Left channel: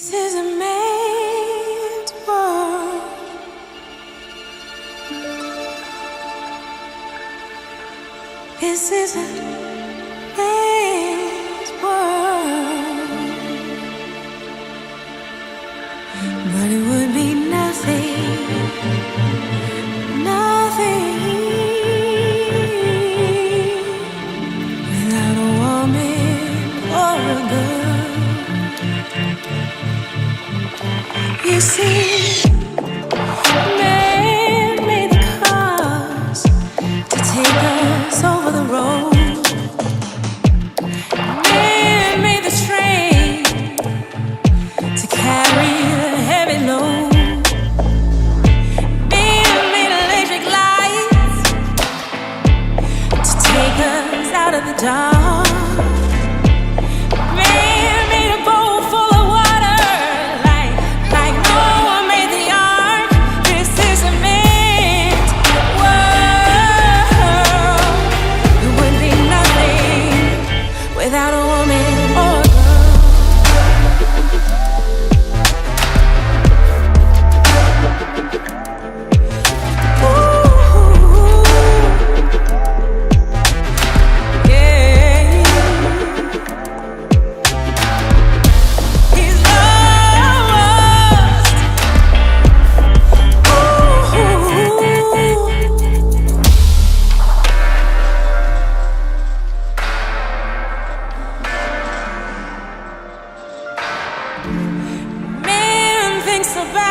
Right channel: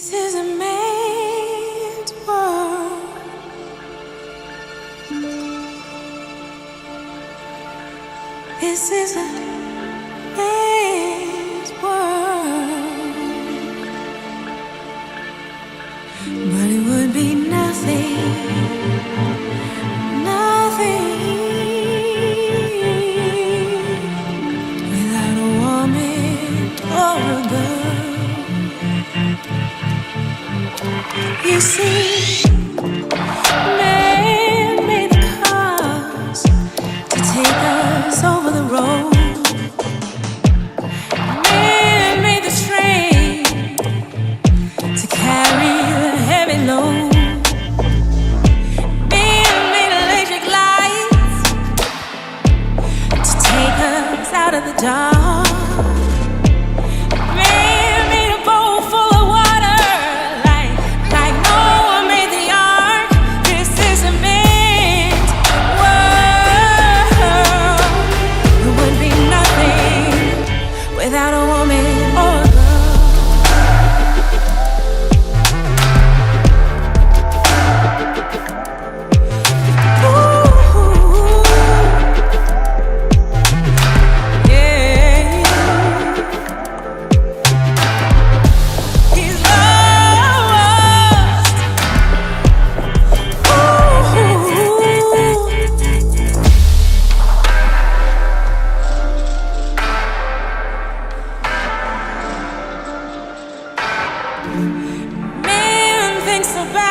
This is a man's world. This is a man's world. But it would be nothing, nothing without a woman or a girl. You see, man made the cars to take us over the road. Man made the train to carry the heavy load. Man made electric lights to take us out of the dark. Man made a boat full of water like Noah made the ark. This is a man's world. There would be nothing without a woman or a girl. About